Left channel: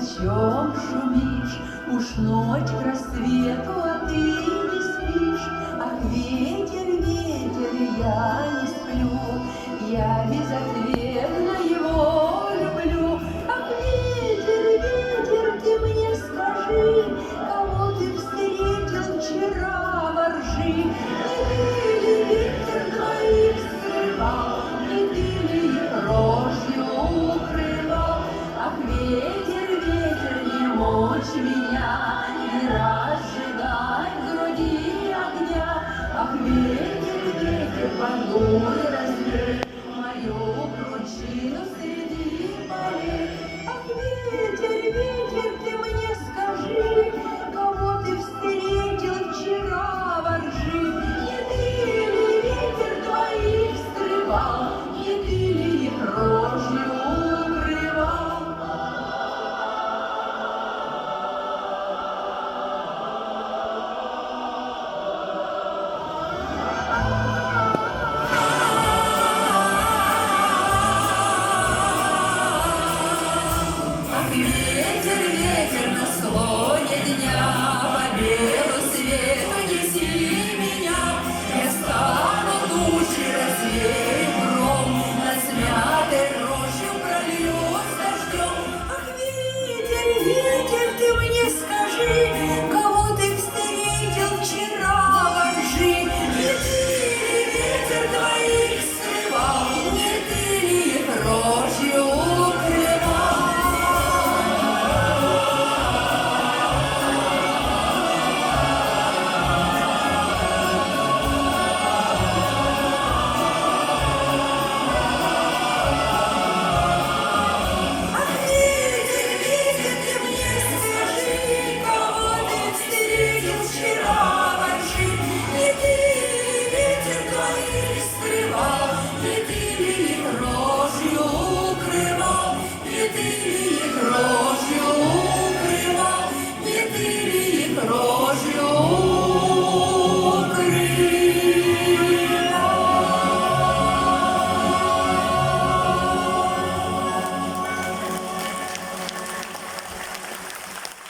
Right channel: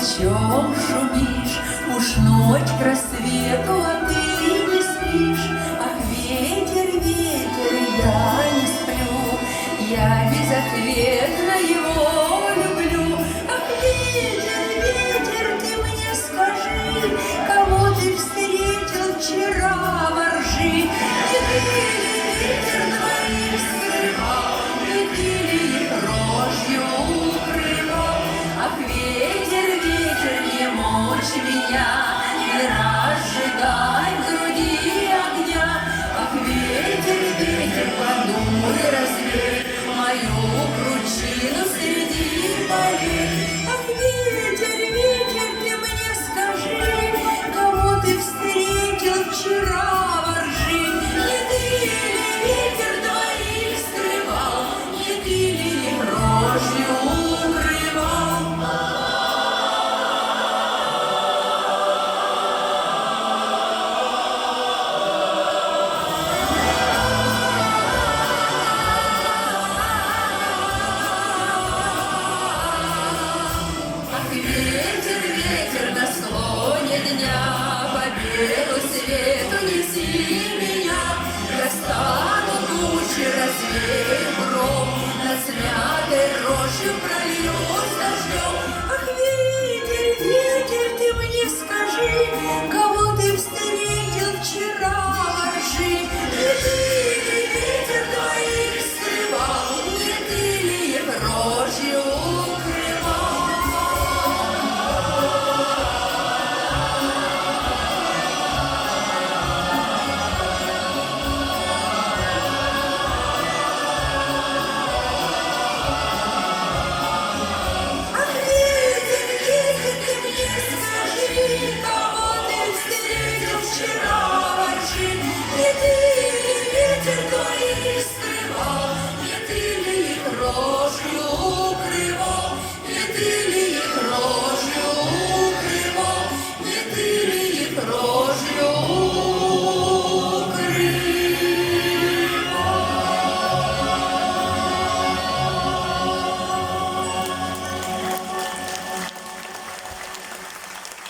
чем шумишь? Уж ночь к рассвету, а ты не спишь. Ах, ветер, ветер, я не сплю, я безответно его люблю. Ах, ветер, ветер, ты мне скажи, кого ты встретил вчера во ржи? Не ты ли ветер двоих скрывал, не ты ли их рожью укрывал? Ах, ветер, ветер, не мочь меня, не разжигай в груди огня. Ах, ветер, ветер, подуй, развей